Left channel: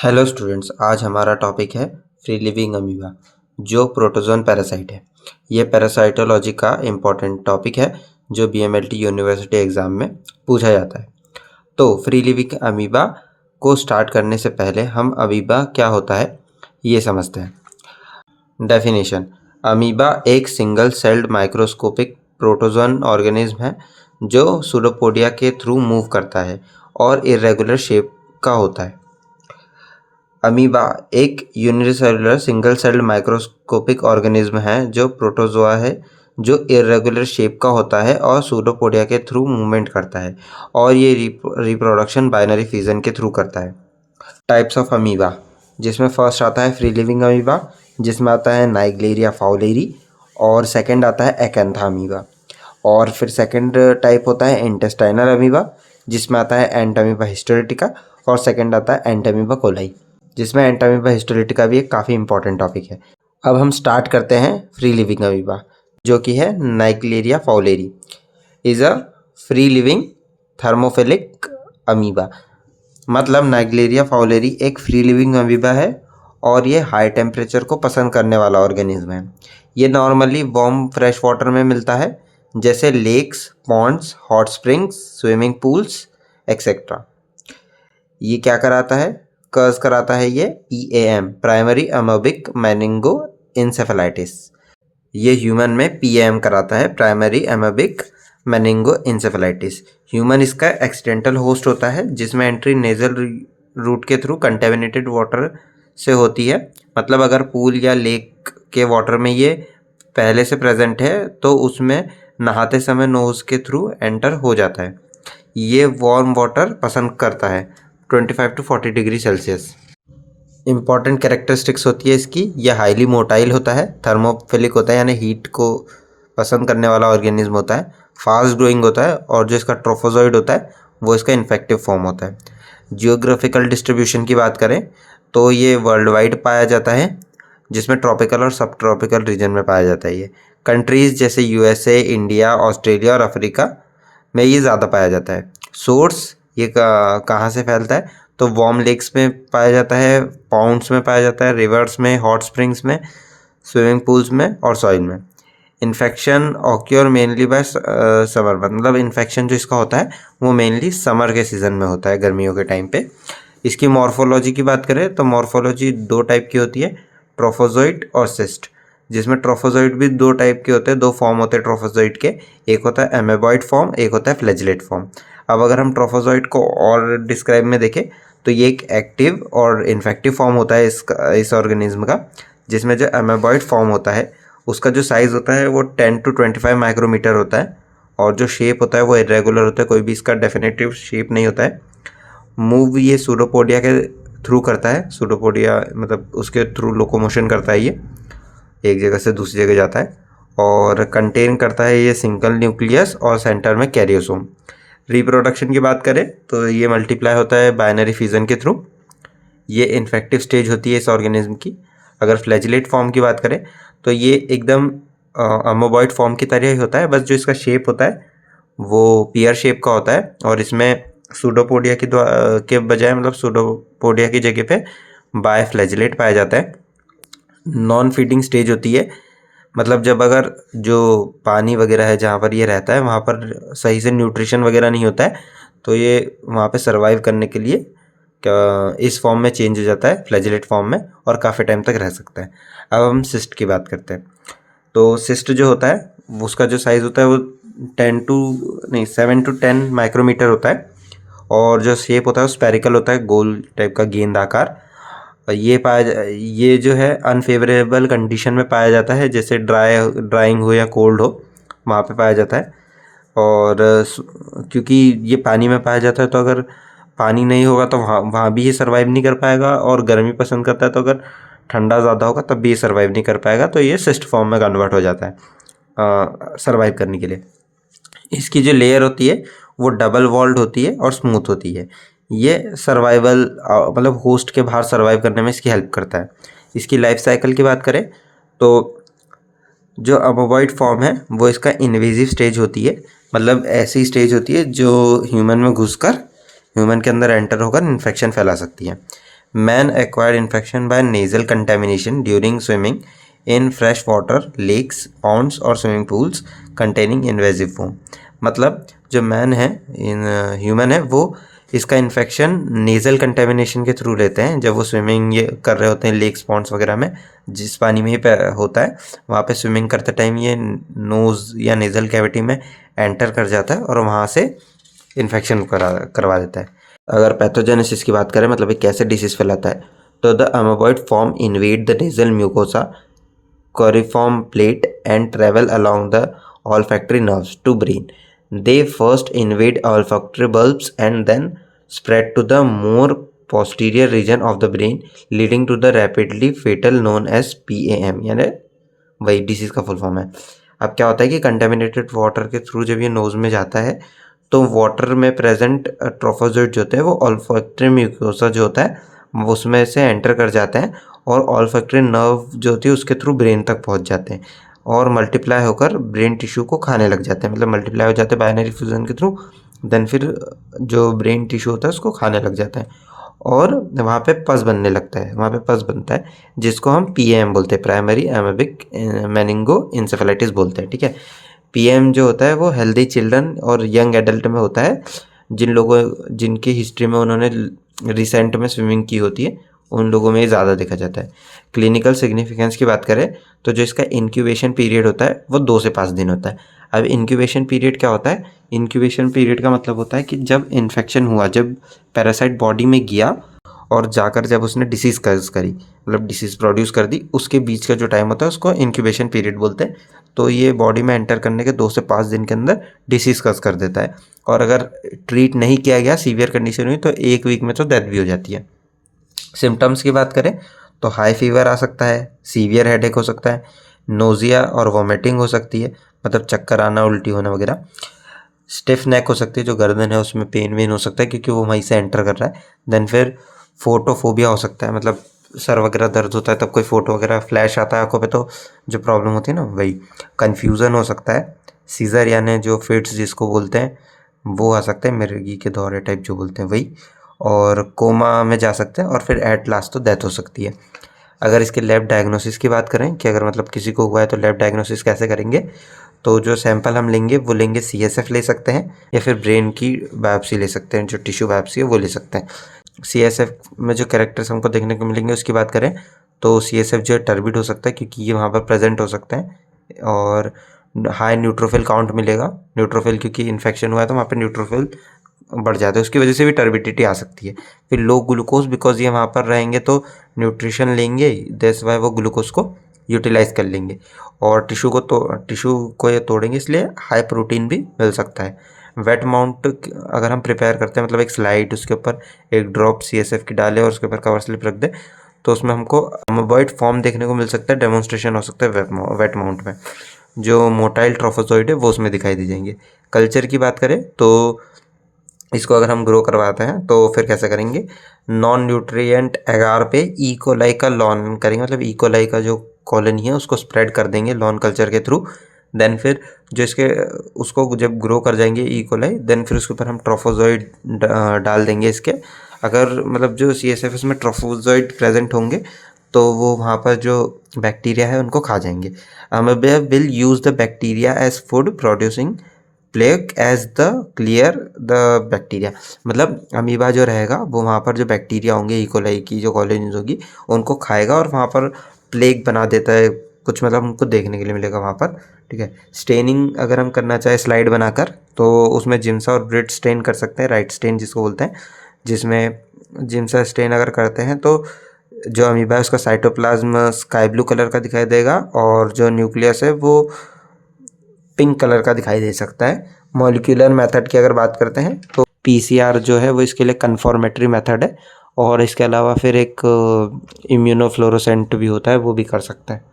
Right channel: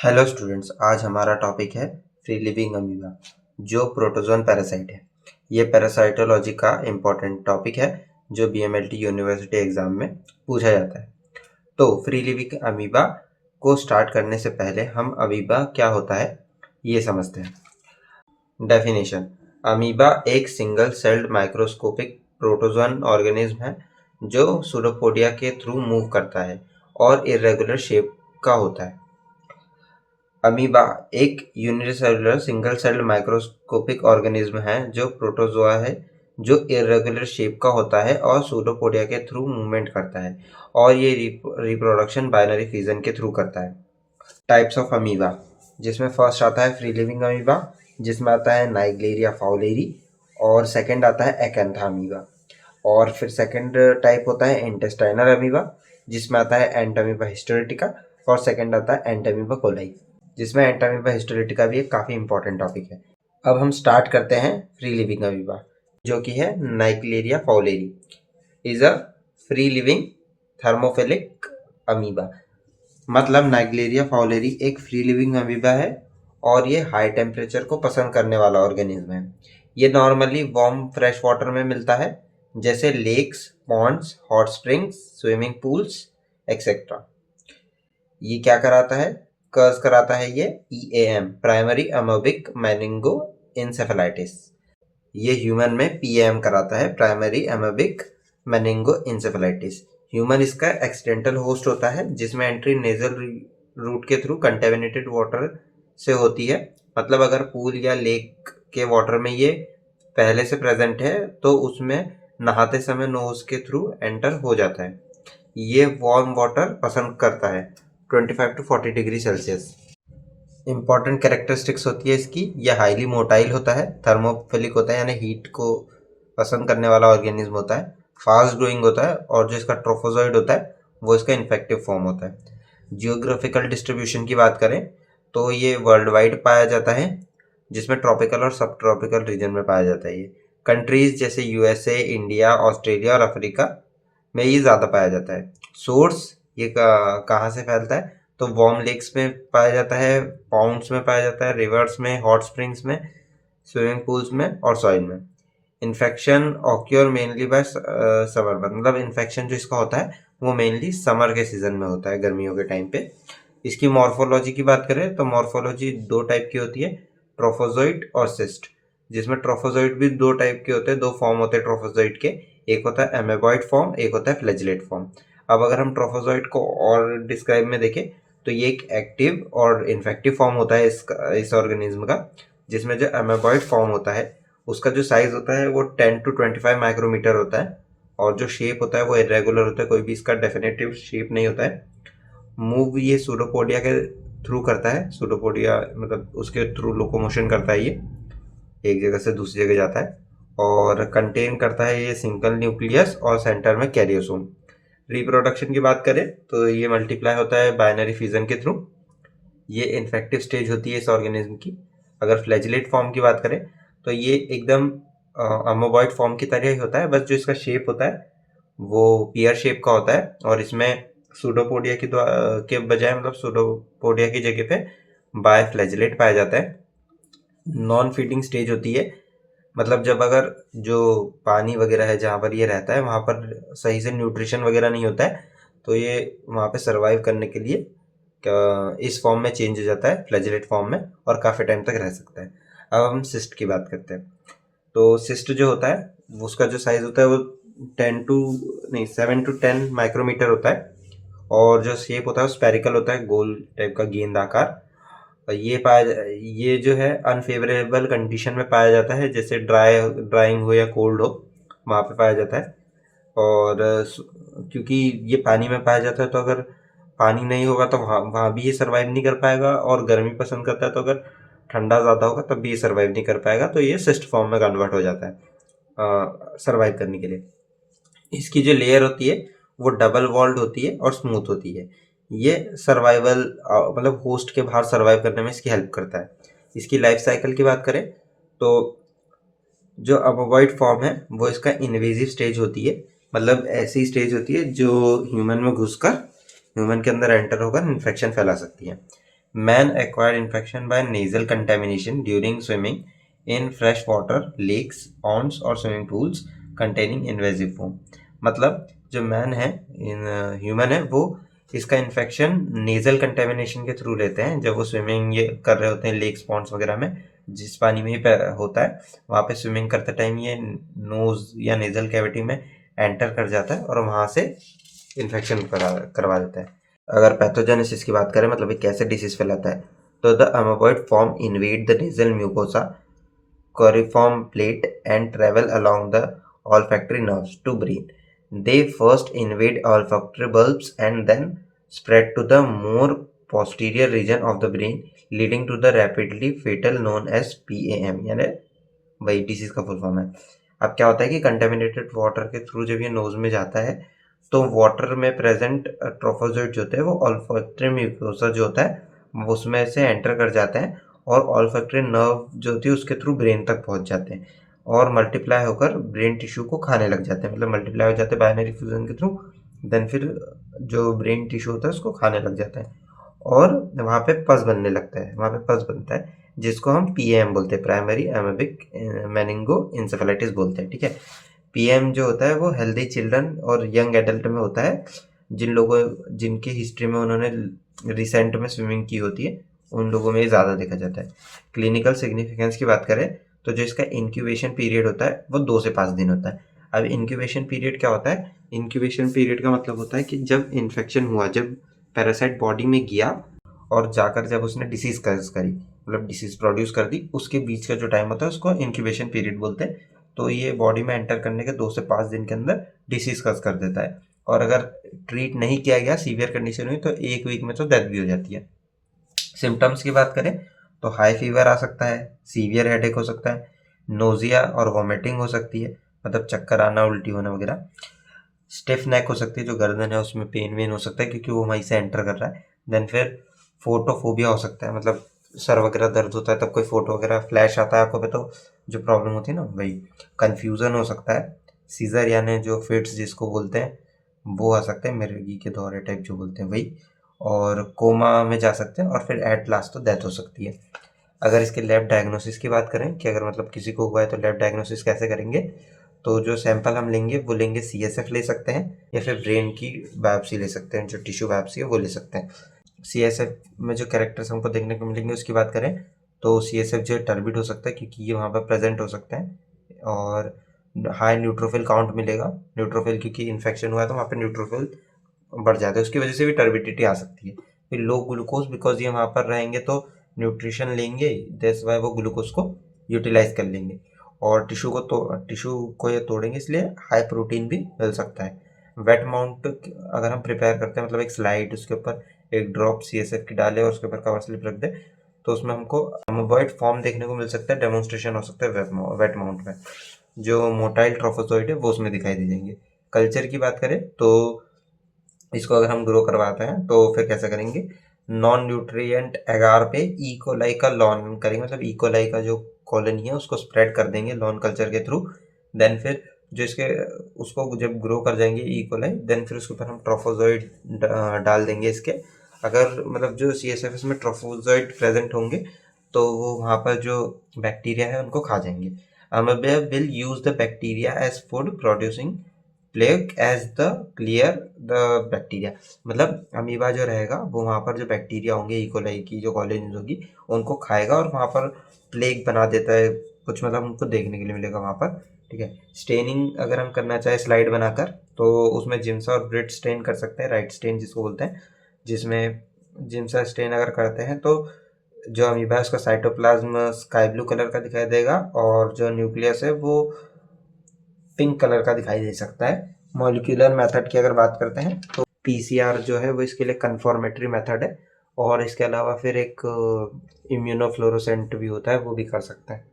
Hello students, आज हमारा topic है फ्री लिविंग अमीबा जो प्रोटोजोन पैरासाइट है। ये पैरासाइटोलॉजी का इम्पोर्टेंट टॉपिक है जो बीएमएलटी यूनिवर्सिटी एग्ज़ाम में पूछा जाता है। तो फ्री लिविंग अमीबा को स्टार्ट करने से पहले हम अमीबा क्या होता है ये समझते हैं। डेफिनेशन: अमीबा एक single celled microscopic protozoan organism है जो सूडोपोडिया के थ्रू मूव करता है और इरेगुलर शेप का होता है। अमीबा एक unicellular single celled microscopic organism है जो प्रोटोजोआ है जो इरेगुलर शेप का होता है और सूडोपोडिया के थ्रू मूवमेंट करता है और ये रिप्रोडक्शन बाइनरी फिजन के थ्रू करता है। टाइप्स ऑफ अमीबा, जिसमें फर्स्ट आता है फ्री लिविंग अमीबा जिसमें आता है नाइग्लेरिया फाउलेरी, और सेकंड आता है एकेंथा अमीबा, और फिर सेकंड टाइप होता है इंटेस्टाइनल अमीबा जिसमें आता है एंटामीबा हिस्टोलिटिका, और सेकंड आता है एंटामीबा कोलाई जिसमें एंटामीबा हिस्टोलिटिका भी एक काफ़ी इंपॉर्टेंट टॉपिक है। अब हम स्टार्ट करते हैं फ्री लिविंग अमीबा जो कि है Naegleria fowleri. Is a free living thermophilic amoeba. मतलब नाइग्लेरिया फाउलेरी एक फ्री लिविंग अमीबा है और ये हाई टेम्परेचर को पसंद करने वाला ऑर्गेनिज्म है। ये नॉर्मली वार्म फ्रेश वाटर में मिलता है जैसे lakes, ponds, hot springs, swimming pools etcetera. ये क्या कराता है? कर्स कराता है ये PAM, primary amoebic meningoencephalitis. ये ह्यूमन में PAM कराता है, primary amoebic meningoencephalitis. Human इसका एक्सीडेंटल होस्ट होता है जिसमें एंट्री नेजल रूट के थ्रू कंटेमिनेटेड वाटर से होती है। मतलब अगर पूल या लेक के वाटर में ये पहले से प्रेजेंट है तो उसमें नहाते समय नोज के थ्रू एंटर हो जाता है। ये वार्म वाटर पसंद करता है 25 to 40 degree Celsius. Important characteristics होती है इसकी, यह हाईली मोटाइल होता है, थर्मोफिलिक होता है यानी हीट को पसंद करने वाला ऑर्गेनिज्म होता है, फास्ट ग्रोइंग होता है, और जो इसका ट्रोफोजोइड होता है वो इसका इन्फेक्टिव फॉर्म होता है। जियोग्राफिकल डिस्ट्रीब्यूशन की बात करें तो ये वर्ल्ड वाइड पाया जाता है जिसमें ट्रॉपिकल और सब ट्रॉपिकल रीजन में पाया जाता है। ये कंट्रीज़ जैसे USA, इंडिया, ऑस्ट्रेलिया और अफ्रीका में ये ज़्यादा पाया जाता है। सोर्स ये कहाँ से फैलता है तो वार्म लेक्स में पाया जाता है, पाउंड्स में पाया जाता है, रिवर्स में, हॉट स्प्रिंग्स में, स्विमिंग पूल्स में और सॉइल में। Infection occur mainly by summer, मतलब इन्फेक्शन जो इसका होता है वो मेनली समर के सीज़न में होता है, गर्मियों के टाइम पे। इसकी मॉर्फोलॉजी की बात करें तो मॉर्फोलॉजी दो टाइप की होती है, ट्रोफोजोइड और सिस्ट, जिसमें ट्रोफोजोइड भी दो टाइप के होते हैं, दो फॉर्म होते हैं ट्रोफोजोइड के, एक होता है एमेबॉइड फॉर्म, एक होता है फ्लैजिलेट फॉर्म। अब अगर हम ट्रोफोजोइड को और डिस्क्राइब में देखें तो ये एक एक्टिव और इन्फेक्टिव फॉर्म होता है इस ऑर्गेनिज्म का, जिसमें जो एमेबॉइड फॉर्म होता है उसका जो साइज़ होता है वो 10 to 25 माइक्रोमीटर होता है, और जो शेप होता है वो इरेगुलर होता है, कोई भी इसका डेफिनेटिव शेप नहीं होता है। मूव ये सूडोपोडिया के थ्रू करता है, सूडोपोडिया मतलब उसके थ्रू लोकोमोशन करता है, ये एक जगह से दूसरी जगह जाता है, और कंटेन करता है ये सिंगल न्यूक्लियस और सेंटर में कैरियोसोम। रिप्रोडक्शन की बात करें तो ये मल्टीप्लाई होता है बाइनरी फिजन के थ्रू। ये इन्फेक्टिव स्टेज होती है इस ऑर्गेनिज्म की। अगर फ्लैजिलेट फॉर्म की बात करें तो ये एकदम अमोबॉइड फॉर्म की तरह ही होता है, बस जो इसका शेप होता है वो पियर शेप का होता है, और इसमें सूडोपोडिया के बजाय, मतलब सूडोपोडिया की जगह पे बायफ्लैजिलेट पाया जाता है। नॉन फीडिंग स्टेज होती है, मतलब जब अगर जो पानी वगैरह है जहाँ पर ये रहता है वहाँ पर सही से न्यूट्रिशन वगैरह नहीं होता है तो ये वहाँ पे सरवाइव करने के लिए इस फॉर्म में चेंज हो जाता है, फ्लैजिलेट फॉर्म में, और काफ़ी टाइम तक रह सकता है। अब हम सिस्ट की बात करते हैं तो सिस्ट जो होता है उसका जो साइज़ होता है वो 7 to 10 माइक्रोमीटर होता है, और जो शेप होता है वो स्पेरिकल होता है, गोल टाइप का गेंद आकार। और ये जो है अनफेवरेबल कंडीशन में पाया जाता है, जैसे ड्राइंग हो या कोल्ड हो वहाँ पे पाया जाता है। और क्योंकि ये पानी में पाया जाता है तो अगर पानी नहीं होगा तो वहाँ वहाँ भी ये सर्वाइव नहीं कर पाएगा, और गर्मी पसंद करता है तो अगर ठंडा ज़्यादा होगा तब भी ये सर्वाइव नहीं कर पाएगा, तो ये सिस्ट फॉर्म में कन्वर्ट हो जाता है सर्वाइव करने के लिए। इसकी जो लेयर होती है वो डबल वॉल्ड होती है और स्मूथ होती है। ये सर्वाइवल मतलब होस्ट के बाहर सर्वाइव करने में इसकी हेल्प करता है। इसकी लाइफ साइकिल की बात करें तो जो अमोबॉइड फॉर्म है वो इसका इन्वेजिव स्टेज होती है, मतलब ऐसी स्टेज होती है जो ह्यूमन में घुसकर ह्यूमन के अंदर एंटर होकर इन्फेक्शन फैला सकती है। Man acquired infection by nasal contamination during swimming in fresh water lakes ponds और swimming pools containing invasive foam. मतलब जो मैन है, इन ह्यूमन है, वो इसका इन्फेक्शन नेज़ल कंटेमिनेशन के थ्रू लेते हैं। जब वो स्विमिंग ये कर रहे होते हैं लेक्स पॉन्ड्स वगैरह में, जिस पानी में ये होता है, वहाँ पे स्विमिंग करते टाइम ये नोज़ या नेज़ल कैविटी में एंटर कर जाता है और वहाँ से इन्फेक्शन करवा देता है। अगर पैथोजेनेसिस की बात करें, मतलब ये कैसे डिसीज़ फैलाता है, तो the amoeboid form invade the nasal mucosa coriform plate and travel along the olfactory nerves to brain. They first invade olfactory bulbs and then spread to the more posterior region of the brain, leading to the rapidly fatal known as PAM, यानी वही disease का full form है। अब क्या होता है कि contaminated water के थ्रू जब ये नोज़ में जाता है, तो वाटर में प्रेजेंट ट्रोफोजोइड जो होते हैं वो ऑल्फैक्टरी म्यूकोसा जो होता है उसमें से एंटर कर जाते हैं और ऑल्फैक्टरी नर्व जो होती है उसके थ्रू ब्रेन तक पहुंच जाते हैं और मल्टीप्लाई होकर ब्रेन टिश्यू को खाने लग जाते हैं। मतलब मल्टीप्लाई हो जाते हैं बाइनरी फ्यूजन के थ्रू, देन फिर जो ब्रेन टिश्यू होता है उसको खाने लग जाता है और वहाँ पे पस बनने लगता है, वहाँ पे पस बनता है जिसको हम पीएम बोलते हैं, प्राइमरी एमेबिक मेनिंगो इंसेफेलाइटिस बोलते हैं। ठीक है, पीएम जो होता है वो हेल्दी चिल्ड्रन और यंग एडल्ट में होता है, जिनकी हिस्ट्री में उन्होंने रिसेंट में स्विमिंग की होती है, उन लोगों में ये ज़्यादा देखा जाता है। क्लिनिकल सिग्निफिकेंस की बात करें तो जो इसका इंक्यूबेशन पीरियड होता है वो 2 से 5 दिन होता है। अब इंक्यूबेशन पीरियड क्या होता है? इंक्यूबेशन पीरियड का मतलब होता है कि जब इन्फेक्शन हुआ, जब पैरासाइट बॉडी में गया और जाकर जब उसने डिसीज़ कॉज करी, मतलब डिसीज़ प्रोड्यूस कर दी, उसके बीच का जो टाइम होता है उसको इंक्यूबेशन पीरियड बोलते हैं। तो ये बॉडी में एंटर करने के 2 से 5 दिन के अंदर डिसीज़ कॉज कर देता है और अगर ट्रीट नहीं किया गया, सीवियर कंडीशन हुई, तो 1 वीक में तो डेथ भी हो जाती है। सिम्टम्स की बात करें तो हाई फीवर आ सकता है, सीवियर हेडेक हो सकता है, नोज़िया और वॉमिटिंग हो सकती है, मतलब चक्कर आना, उल्टी होना वगैरह। स्टिफ नेक हो सकती है, जो गर्दन है उसमें पेन वेन हो सकता है क्योंकि वो वहीं से एंटर कर रहा है। देन फिर फोटोफोबिया हो सकता है, मतलब सर वगैरह दर्द होता है तब कोई फोटो वगैरह फ्लैश आता है आंखों पे, तो जो प्रॉब्लम होती है ना वही। कन्फ्यूज़न हो सकता है, सीज़र यानी जो फिट्स जिसको बोलते हैं वो आ सकते हैं, मिर्गी के दौरे टाइप जो बोलते हैं वही, और कोमा में जा सकते हैं और फिर एट लास्ट तो डेथ हो सकती है। अगर इसके लैब डायग्नोसिस की बात करें कि अगर मतलब किसी को हुआ है तो लैब डायग्नोसिस कैसे करेंगे, तो जो सैंपल हम लेंगे वो लेंगे सीएसएफ ले सकते हैं या फिर ब्रेन की बायोप्सी ले सकते हैं, जो टिश्यू बायोप्सी है वो ले सकते हैं। सीएसएफ में जो कैरेक्टर्स हमको देखने को मिलेंगे उसकी बात करें तो सीएसएफ जो है टर्बिड हो सकता है क्योंकि ये वहाँ पर प्रेजेंट हो सकता है, और हाई न्यूट्रोफिल काउंट मिलेगा। न्यूट्रोफिल क्योंकि इन्फेक्शन हुआ है तो वहाँ पर न्यूट्रोफिल बढ़ जाता है, उसकी वजह से भी टर्बिडिटी आ सकती है। फिर लो ग्लूकोज, बिकॉज ये वहाँ पर रहेंगे तो न्यूट्रिशन लेंगे, दैट्स वाई वो ग्लूकोज को यूटिलाइज कर लेंगे, और टिश्यू को ये तोड़ेंगे, इसलिए हाई प्रोटीन भी मिल सकता है। वेट माउंट अगर हम प्रिपेयर करते हैं, मतलब एक स्लाइड, उसके ऊपर एक ड्रॉप सीएसएफ की डालें और उसके ऊपर कवर स्लिप रख दें, तो उसमें हमको अमोबॉइड फॉर्म देखने को मिल सकता है, डेमोन्स्ट्रेशन हो सकता है वेट माउंट में। जो मोटाइल ट्रोफोजोइड है वो उसमें दिखाई दे जाएंगे। कल्चर की बात करें तो इसको अगर हम ग्रो करवाते हैं तो फिर कैसे करेंगे, नॉन न्यूट्रिएंट एगार पे ई कोलाई का लॉन करेंगे, मतलब ई कोलाई का जो कॉलोनी है उसको स्प्रेड कर देंगे लॉन कल्चर के थ्रू। देन फिर जो इसके उसको जब ग्रो कर जाएंगे ई कोलाई, देन फिर उसके ऊपर हम ट्रोफोजोइड डाल देंगे इसके। अगर मतलब जो CSF में ट्रोफोजोइड प्रेजेंट होंगे तो वो वहाँ पर जो बैक्टीरिया है उनको खा जाएंगे। Amoeba will use the bacteria as food producing plague as the clear the bacteria, मतलब अमीबा जो रहेगा वो वहाँ पर जो बैक्टीरिया होंगे इकोलाई की जो कॉलोनीज होगी उनको खाएगा और वहाँ पर प्लेग बना देता है कुछ, मतलब उनको देखने के लिए मिलेगा वहाँ पर। ठीक है, स्टेनिंग अगर हम करना चाहे स्लाइड बनाकर तो उसमें जिम्सा और ब्रिड स्टेन कर सकते हैं, राइट स्टेन जिसको बोलते हैं, जिसमें जिम्सा स्टेन अगर करते हैं तो जो अमीबा है उसका साइटोप्लाज्म स्काई ब्लू कलर का दिखाई देगा और जो न्यूक्लियस है वो पिंक कलर का दिखाई दे सकता है। मॉलिक्यूलर मेथड की अगर बात करते हैं तो PCR जो है वो इसके लिए कन्फर्मेटरी मेथड है, और इसके अलावा फिर एक इम्यूनोफ्लोरोसेंट भी होता है, वो भी कर सकता है।